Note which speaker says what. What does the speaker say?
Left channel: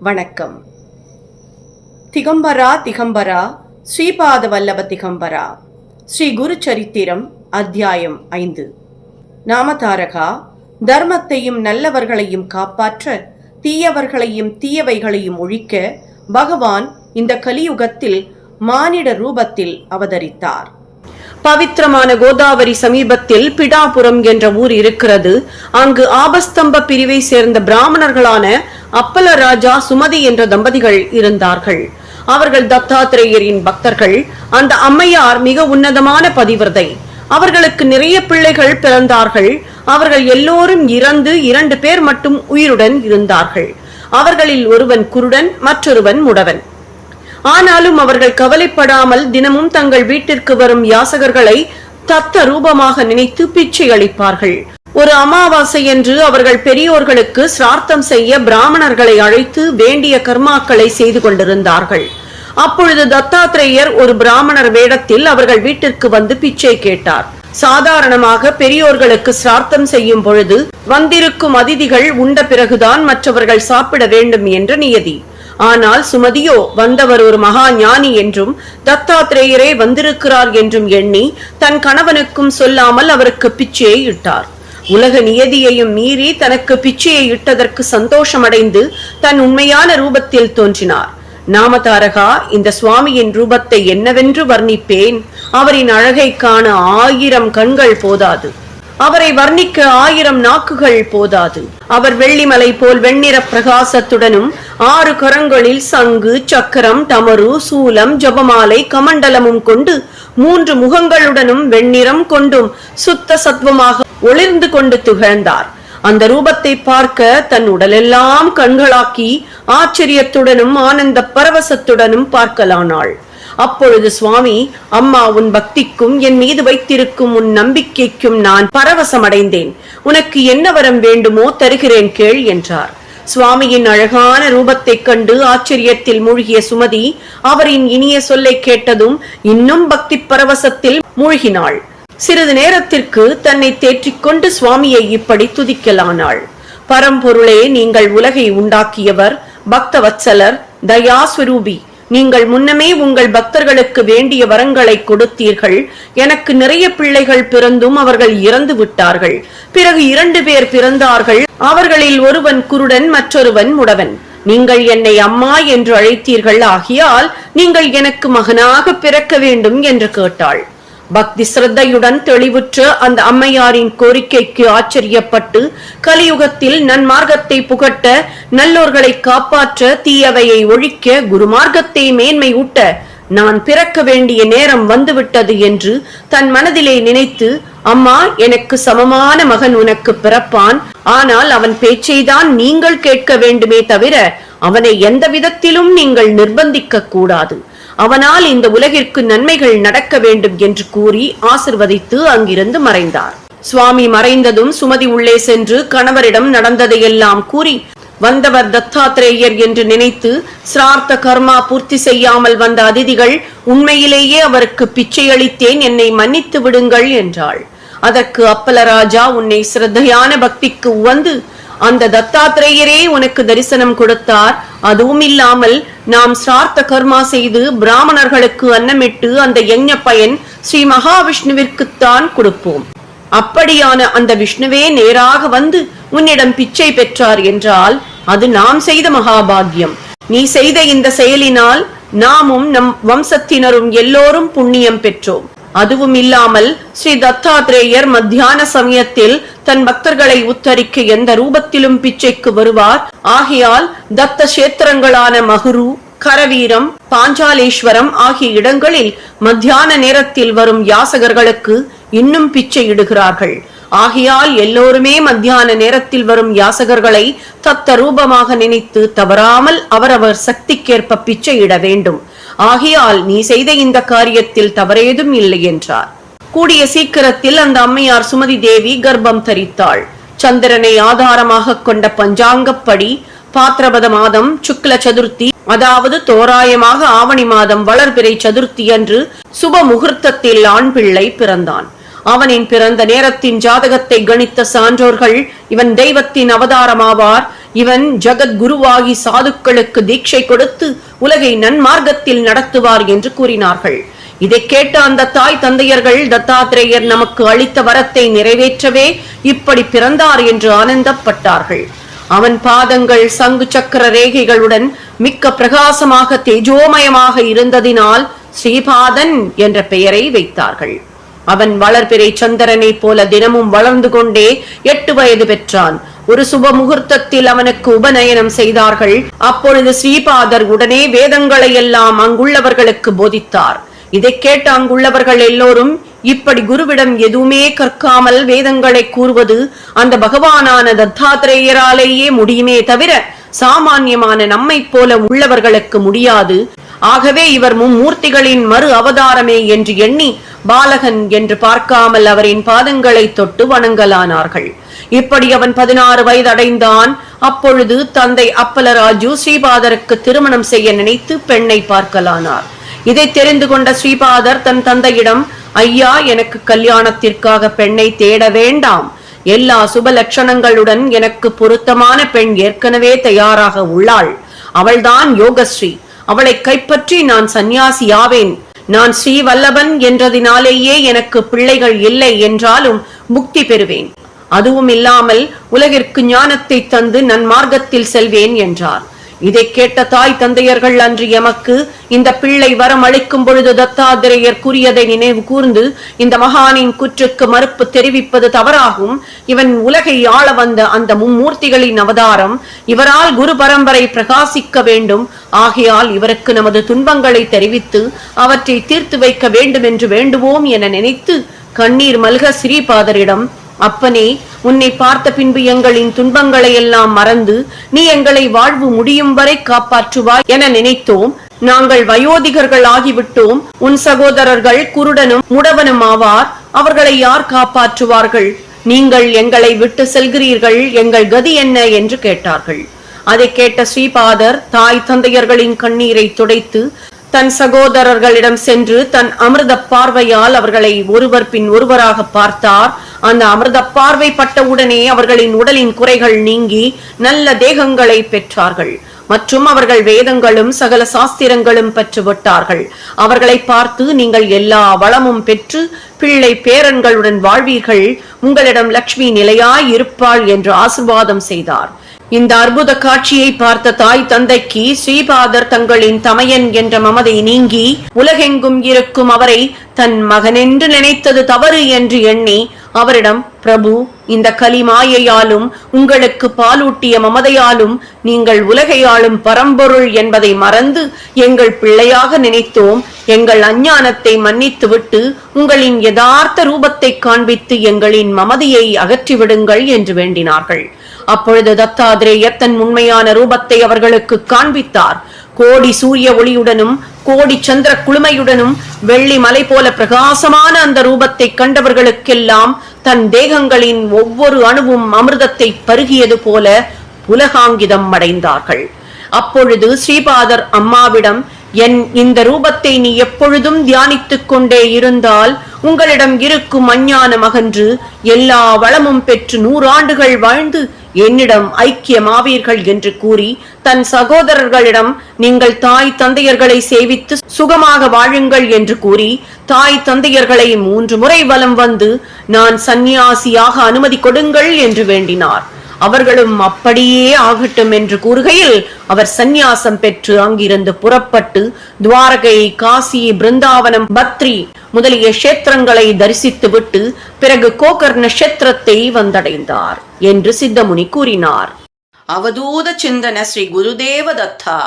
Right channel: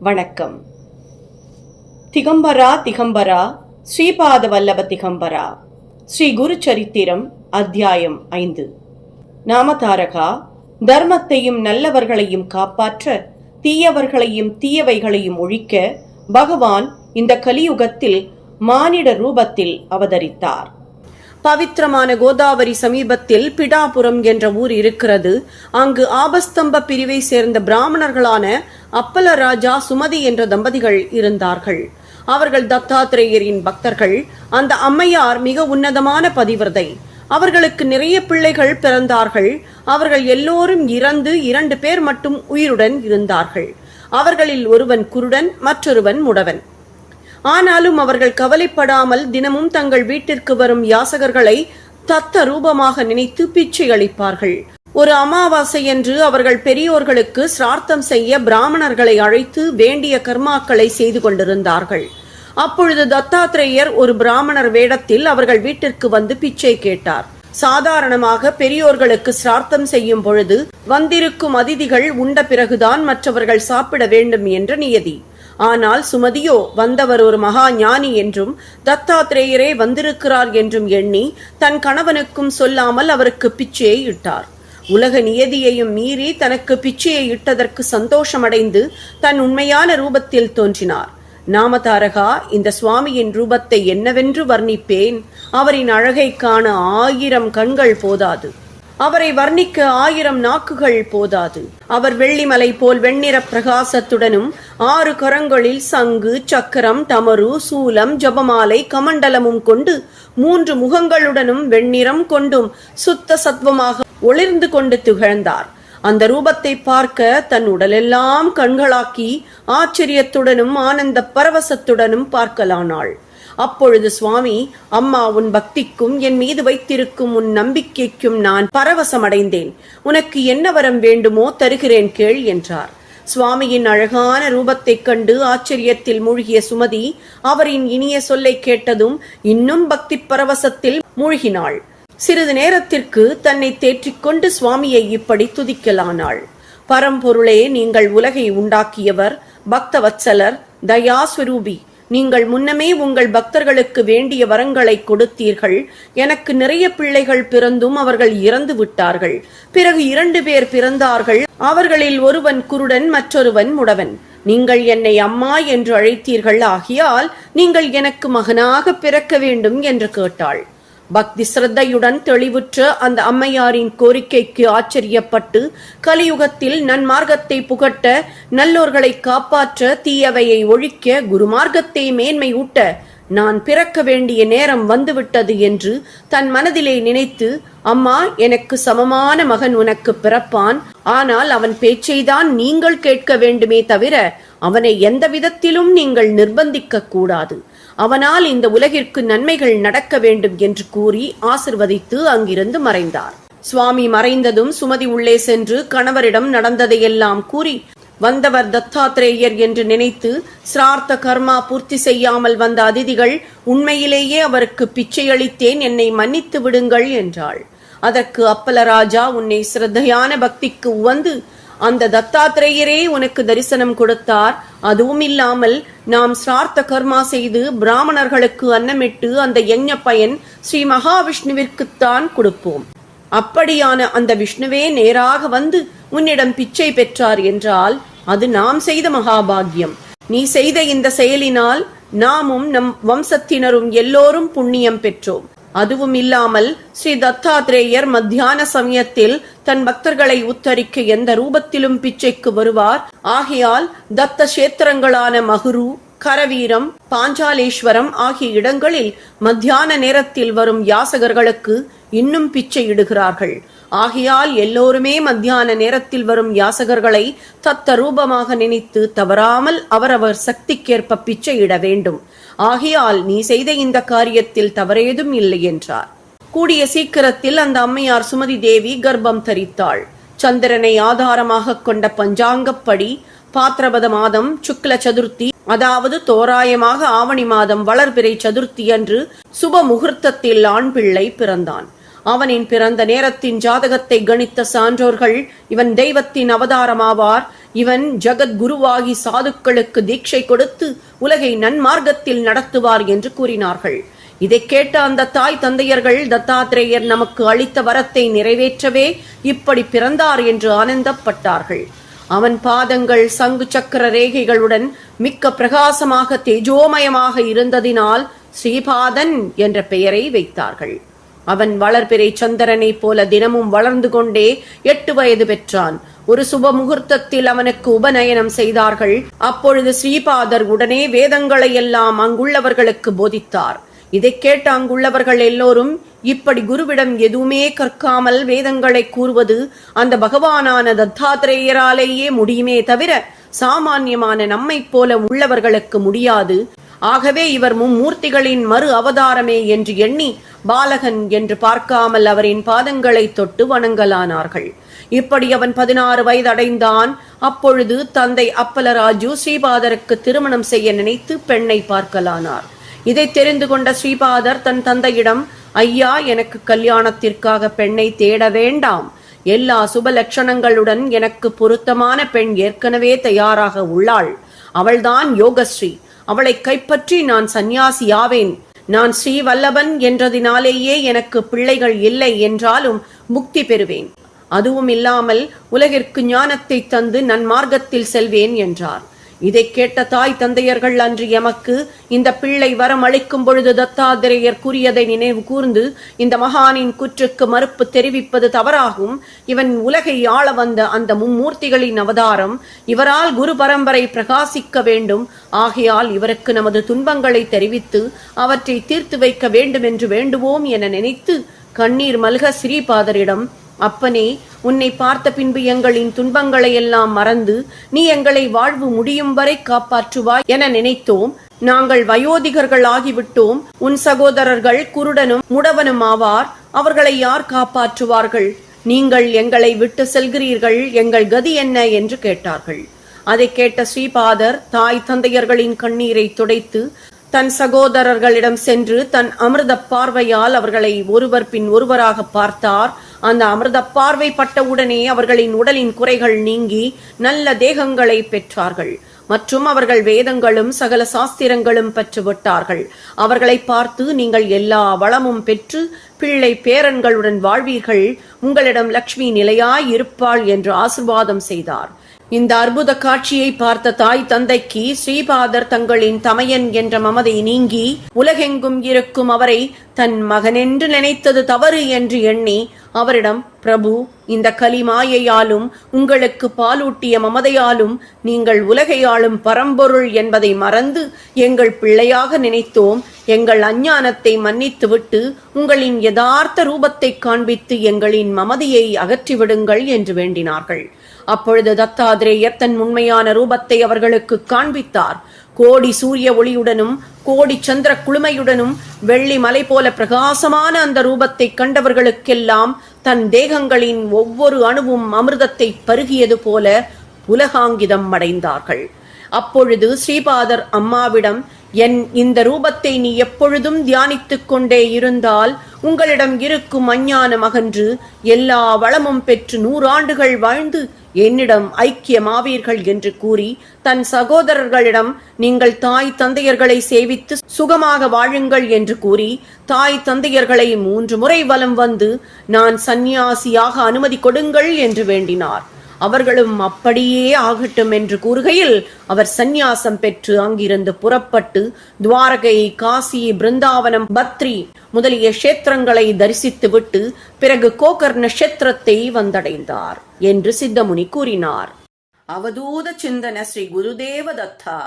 Speaker 1: வணக்கம். திகம்பரா திகம்பரா ஸ்ரீபாத வல்லப திகம்பரா. ஸ்ரீ குரு சரித்திரம் அத்தியாயம் ஐந்து. நாமதாரகா தர்மத்தையும் நல்லவர்களையும் காப்பாற்ற தீயவர்களையும் தீயவைகளையும் ஒழிக்க பகவான் இந்த கலியுகத்தில் மானிட ரூபத்தில் அவதரித்தார். பவித்திரமான கோதாவரி சமீபத்தில் பிடாபுரம் என்ற ஊர் இருக்கிறது. அங்கு ஆபஸ்தம்ப பிரிவை சேர்ந்த பிராமணர்களான அப்பல ராஜா சுமதி என்ற தம்பதிகள் இருந்தார்கள். அவர்கள் தத்தாத்திரேயரின் பக்தர்கள். அந்த அம்மையார் மிக உன்னதமான பதிவிரதை. அவர்களுக்கு நிறைய பிள்ளைகள் பிறந்தார்கள். அவர்கள் எல்லோரும் இறந்து இரண்டு பேர் மட்டும் உயிருடன் இருந்தார்கள். அவர்களில் ஒருவன் குருடன் மற்றொருவன் முடவன். ஆனாலும் அவர்கள் கவலைப்படாமல் தினமும் தங்கள் வீட்டிற்கு வரும் யாசகர்களை தத்த ரூபமாக நினைத்து பிச்சை அளிப்பார்கள். ஒரு அமாவாசை என்று அவர்கள் பெரியோர்களுக்கு சிரார்த்தம் செய்ய பிராமணர்களை அழைத்து வேண்டிய கர்மாக்களை செய்து கொண்டிருந்தார்கள். அப்பொழுது தத்தாத்திரேயர் ஒரு பிராமணர் வேடத்தில் அவர்கள் வீட்டிற்கு வந்து பிச்சை கேட்டார். சாதாரணமாக பெரியோர்களுக்கு சிரார்த்தம் செய்யும் பொழுது வந்திருக்கும் அதிதிகள் உண்ட பிறகுதான் மற்றவர்கள் சாப்பிட வேண்டும் என்ற நியதி. ஆனால் சுமதியோ வந்தவர் ஒரு மகா ஞானி என்றும் தத்தாத்திரேயரே வந்திருக்கிறார் என்றும் எண்ணி தன் கணவனுக்கும் சொல்லாமல் அவருக்கு பிச்சையை இட்டார். உலக நியதியையும் மீறி தனக்கு பிச்சையை இட்டதற்கு சந்தோஷமடைந்து தன் உண்மையான ரூபத்தில் தோன்றினார். நாமதாரகா இந்த சுவாமியின் ரூபத்தை என்னவென்று வர்ணிப்பேன். அவரின் அழகை காண ஆயிரம் கண்கள் போதாது. அவரை வர்ணிக்க ஆயிரம் நாக்குகள் போதாது. அவர் வெள்ளிமலை போல் வெண்ணிற பிரகாசத்துடனும் ஆறு கரங்களில் சங்கு சக்கரம் தமரு சூலம் ஜபமாலை கமண்டலமும் கொண்டு மூன்று முகங்களுடனும் வெண்ணிறம் கொண்டும் சுத்த சத்வமாக ஒளிர்ந்து கொண்டு திகழ்ந்தார். அந்த ரூபத்தை பார்க்க தன் உடலெல்லாம் கண்களாக்கி ஆச்சரியத்துடனும் ஆனந்த பரவசத்துடனும் பார்க்கலானாள். அப்பொழுது சுவாமி அம்மா உன் பக்திக்கும் என் மீது வைத்திருக்கும் உன் நம்பிக்கைக்கும் நான் பரவசமடைந்தேன். உனக்கு என்ன வரம் வேண்டுமோ தருகிறேன் கேள் என்றார். சுவாமியின் அழகான ரூபத்தைக் கண்டு ஆச்சரியத்தில் மூழ்கிய சுமதி அவரின் இனிய சொல்லை கேட்டதும் இன்னும் பக்தி பரவசத்தில் மூழ்கினாள். சிறிது நேரத்திற்கு தன்னை தேற்றிக்கொண்டு சுவாமியை இப்படி துதிக்கலானாள். பரம்பொருளே நீங்கள் உலகை உண்டாக்கியவர் பக்தவத்சலர் தயாஸ்வரூபி. நீங்கள் முன்னமே உங்கள் பக்தர்களுக்கு வேண்டிய வரங்களை கொடுத்தீர்கள். எனக்கு நிறைய பிள்ளைகள் பிறந்தும் அவர்கள் இறந்து விட்டார்கள். பிறகு இரண்டு பேர் பிறந்தார்கள். அவர்களில் ஒருவன் குருடன் மற்றொருவன் முடவன். நீங்கள் என்னை அம்மா என்று அழைத்தீர்கள். ஆகியால் நீங்கள் எனக்கு மகனாக பிறக்க வேண்டும் என்று கேட்டாள். பக்தி சிரத்தையுடன் தெளிவுற்ற அந்த அம்மையாரின் கோரிக்கைக்கு ஆச்சரியப்பட்டு கலியுகத்தில் நன்மார்க்கத்தை புகட்ட நல்லோர்களை காப்பாற்ற தீயவையை ஒழிக்க குருமார்க்கத்தை மேன்மை ஊட்ட நான் பிறக்க வேண்டிய நேரம் வந்துவிட்டது என்று தன் மனதிலே நினைத்து அம்மா எனக்கு சமமான மகன் உனக்கு பிறப்பான். ஆனால் அவன் பேச்சைதான் நீங்கள் கேட்க வேண்டுமே தவிர அவனை எந்த விதத்திலும் நீங்கள் நிர்பந்திக்க கூடாது. அவனால் இந்த உலகிற்கு நன்மைகள் நடக்க வேண்டும் என்று கூறி ஆசிர்வதித்து அங்கிருந்து மறைந்தார். சுவாமி மறைந்ததும் சுமதி உள்ளே சென்று கணவரிடம் நடந்ததையெல்லாம் கூறி வந்தவர் தத்தாத்திரேயர் என்று நினைத்து சிரார்த்த கர்மா பூர்த்தி செய்யாமல் வந்த அதிதிகள் உண்மையிலேயே அவருக்கு பிச்சை அளித்தேன் என்னை மன்னித்து விடுங்கள் என்றாள். அதற்கு அப்பலராஜா உன்னை சிரத்தையான பக்திக்கு உவந்து அந்த தத்தாத்திரேயரே உனக்கு தரிசனம் கொடுத்தார். அதுவும் இல்லாமல் நாம் சிரார்த்த கர்மா செய்து பிராமணர்களுக்கு அன்னமிட்டு அந்த யஜ்ஞ பயன் ஸ்ரீ மகாவிஷ்ணுவிற்குத்தான் கொடுப்போம். அப்படியான அந்த விஷ்ணுவே நேராக வந்து உன்னிடம் பிச்சை பெற்றார் என்றால் அது நாம் செய்த மகாபாகியம். நீ செய்த இந்த செயலினால் நாமும் நம் வம்சத்தினரும் எல்லோரும் புண்ணியம் பெற்றோம். அதுவும் இல்லாமல் ஸ்ரீ தத்தாத்ரேயர் மத்தியான சமயத்தில் தன் பக்தர்களை உத்தரிக்க எந்த ரூபத்திலும் பிச்சைக்கு வருவார். ஆகையால் தத்த கஷேத்திரங்களான மகுரு கரவீரம் பாஞ்சாலேஸ்வரம் ஆகிய இடங்களில் மத்தியான நேரத்தில் வரும் யாசகர்களுக்கு இன்னும் பிச்சை இடுகிறார்கள் ஆகையால் எல்லோருமே மத்தியான நேரத்தில் வரும் யாசகர்களை தத்த ரூபமாக நினைத்து தவறாமல் அவரவர் சக்திக்கேற்ப பிச்சை இட வேண்டும். ஆகையால் நீ செய்த இந்த காரியத்தில் தவறேதும் இல்லை என்றார். கூடிய சீக்கிரத்தில் அந்த அம்மையார் சுமதி தேவி கர்ப்பம் தரித்தாள். சந்திரனை ஆதாரமாக கொண்ட பஞ்சாங்கப்படி பாத்திரபத மாதம் சுக்ல சதுர்த்தி அதாவது தோராயமாக ஆவணி மாதம் வளர்பிறை சதுர்த்தி அன்று சுப முகூர்த்தத்தில் ஆண் பிள்ளை பிறந்தான். அவனின் பிறந்த நேரத்தின் ஜாதகத்தை கணித்த சான்றோர்கள் இவன் தெய்வத்தின் அவதாரமாவார் இவன் ஜகத்குருவாகி சாதுக்களுக்கு தீட்சை கொடுத்து உலகை நன்மார்க்கத்தில் நடத்துவார் என்று கூறினார்கள். இதை கேட்ட அந்த தாய் தந்தையர்கள் தத்தாத்திரேயர் நமக்கு அளித்த வரத்தை நிறைவேற்றவே இப்படி பிறந்தார் என்று ஆனந்தப்பட்டார்கள். அவன் பாதங்கள் சங்கு சக்கர ரேகைகளுடன் மிக்க பிரகாசமாக தேஜோமயமாக இருந்ததினால் ஸ்ரீபாதன் என்ற பெயரை வைத்தார்கள். அவன் வளர்பிறை சந்திரனைப் போல தினமும் வளர்ந்து கொண்டே எட்டு வயது பெற்றான். ஒரு சுப முகூர்த்தத்தில் அவனுக்கு உபநயனம் செய்தார்கள். அப்பொழுது ஸ்ரீபாதர் உடனே வேதங்களை எல்லாம் அங்குள்ளவர்களுக்கு போதித்தார். இதை கேட்ட அங்குள்ளவர்கள் எல்லோரும் இப்படி குருவிடம் எதுவுமே கற்காமல் வேதங்களை கூறுவது அந்த பகவானான தத்தாத்திரேயராலேயே முடியுமே தவிர சாமான்யமான நம்மைப் போல உள்ளவர்களுக்கு முடியாது. ஆகவே இவர் மும்மூர்த்திகளின் மறு அவதாரமே என்று எண்ணி பாலகன் என்று பார்க்காமல் அவரின் பாதங்களை தொட்டு வணங்கலானார்கள். இப்படி அவன் பதினாறு வயது அடைந்தான் அப்பொழுது தந்தை அப்பலராஜு ஸ்ரீபாதருக்கு திருமணம் செய்ய நினைத்து பெண்ணை பார்க்கலானார். இதை தெரிந்து கொண்ட ஸ்ரீபாதர் தன் தந்தையிடம் ஐயா எனக்கு கல்யாணத்திற்காக பெண்ணை தேட வேண்டாம். எல்லா சுப லட்சணங்களுடன் எனக்கு பொருத்தமான பெண் ஏற்கனவே தயாராக உள்ளாள். அவள்தான் யோகஸ்ரீ. அவளை கைப்பற்றி நான் சந்நியாசியாவேன் நான் ஸ்ரீவல்லபன் என்றதினாலேயே எனக்கு பிள்ளைகள் இல்லை என்றாலும் முக்தி பெறுவேன். அதுவும் இல்லாமல் உலகிற்கு ஞானத்தை தந்து நன்மார்க்கத்தில் செல்வேன் என்றார். இதை கேட்ட தாய் தந்தையர்கள் அன்று எமக்கு இந்த பிள்ளை வரம் அளிக்கும் பொழுது தத்தாத்திரேயர் கூறியதை நினைவு கூர்ந்து இந்த மகானின் குற்றுக்கு மறுப்பு தெரிவிப்பது தவறாகும். இவன் உலகை ஆள வந்த அந்த மும்மூர்த்திகளின் அவதாரம் இவரால் குரு பரம்பரை பிரகாசிக்க வேண்டும். ஆகையால் இவருக்கு நமது துன்பங்களை தெரிவித்து அவற்றை தீர்த்து வைக்க வேண்டும் என்று வேண்டுவோம் என நினைத்து கண்ணீர் மல்க ஸ்ரீபாதரிடம் அப்பனே உன்னை பார்த்த பின்பு எங்களின் துன்பங்களை எல்லாம் மறந்து நீ எங்களை வாழ்வு முடியும் வரை காப்பாற்றுவாய் என நினைத்தோம். நாங்கள் வயோதிகர்கள் ஆகிவிட்டோம் உன் சகோதரர்கள் குருடனும் முடவனும் ஆவார். அவர்களை யார் காப்பாற்றுவார்கள்? நீங்கள் எங்களை விட்டு செல்கிறீர்கள். எங்கள் கதி என்ன என்று கேட்டார்கள். அதை கேட்ட ஸ்ரீபாதர் தாய் தந்தையர்களின் கண்ணீரை துடைத்து தன் சகோதரர்களிடம் சென்று தன் அமிர்த பார்வையால் அவர்களை ஒருவர் பின் ஒருவராக பார்த்தார். அந்த அமிர்த பார்வை பட்டவுடனே அவர்களின் உடலின் குறைகள் நீங்கி நல்ல தேகங்களை பெற்றார்கள். மற்றும் அவர்கள் வேதங்களும் சகல சாஸ்திரங்களும் பெற்று விட்டார்கள். அவர்களை பார்த்து நீங்கள் எல்லா வளமும் பெற்று பிள்ளை பேரன்களுடன் வாழ்வீர்கள். உங்களிடம் லக்ஷ்மி நிலையாய் இருப்பாள் என்று ஆசிர்வாதம் செய்தார். இந்த அற்புத காட்சியை பார்த்த தாய் தந்தைக்கு ஸ்ரீபாதர் தங்களின் தமையன் என்ற மமதை நீங்கி உலகெங்கும் இருக்கும் அவரை தன் மகனென்று நினைத்தது தவறு என்று எண்ணி அவரிடம் பிரபு இந்த கலி மாயையாலும் உங்களுக்கு பாலூட்டிய மமதையாலும் நீங்கள் உலகை ஆளும் பரம்பொருள் என்பதை மறந்து எங்கள் பிள்ளையாக நினைத்தோம் எங்கள் அஞ்ஞானத்தை மன்னித்துவிட்டு உங்களின் யதார்த்த ரூபத்தை காண்பித்து எங்களின் மமதியை அகற்றிவிடுங்கள் என்று வேண்டினார்கள். அப்பொழுது தத்தாதிரேயர் தன் உண்மையான ரூபத்தை அவர்களுக்கு காண்பித்தார். கோடி சூரிய ஒளியுடனும் கோடி சந்திர குளுமையுடனும் வெள்ளி மலை போல பிரகாசமான அந்த ரூபத்தை கண்டவர்களுக்கெல்லாம் தன் தேகங்களின் ஒவ்வொரு அணுவும் அமிர்தத்தை பருகியது போல உலகாங்கிதம் அடைந்தார்கள். அப்பொழுது ஸ்ரீபாதர் அம்மாவிடம் என் இந்த ரூபத்தை நீ எப்பொழுதும் தியானித்துக் கொண்டே இருந்தால் உங்களிடம் இருக்கும் அஞ்ஞானம் அகன்று எல்லா வளமும் பெற்று நூறாண்டுகள் வாழ்ந்து என்னிடம் ஐக்கியமாவீர்கள் என்று கூறி தன் சகோதரர்களிடம் நீங்கள் தாய் தந்தையர்களை சேவித்து சுகமாக வாழுங்கள் என்று கூறி தாய் தந்தையர்களை மூன்று முறை வலம் வந்து நான் சந்நியாசியாக அனுமதி கொடுங்கள் என்று வேண்டினார். அவர்களும் அப்படியே ஆகட்டும் என்று கூறுகையில் அவர் சந்நியாசம் பெற்று அங்கிருந்து புறப்பட்டு துவாரகை காசி பிருந்தாவனம் பத்ரி முதலிய கஷேத்திரங்களை தரிசித்துவிட்டு பிறகு கோகர்ண கஷேத்திரத்தை வந்தடைந்தார் என்று சித்தமுனி கூறினார். அவதூத சிந்தன ஸ்ரீ குருதேவ தத்தா.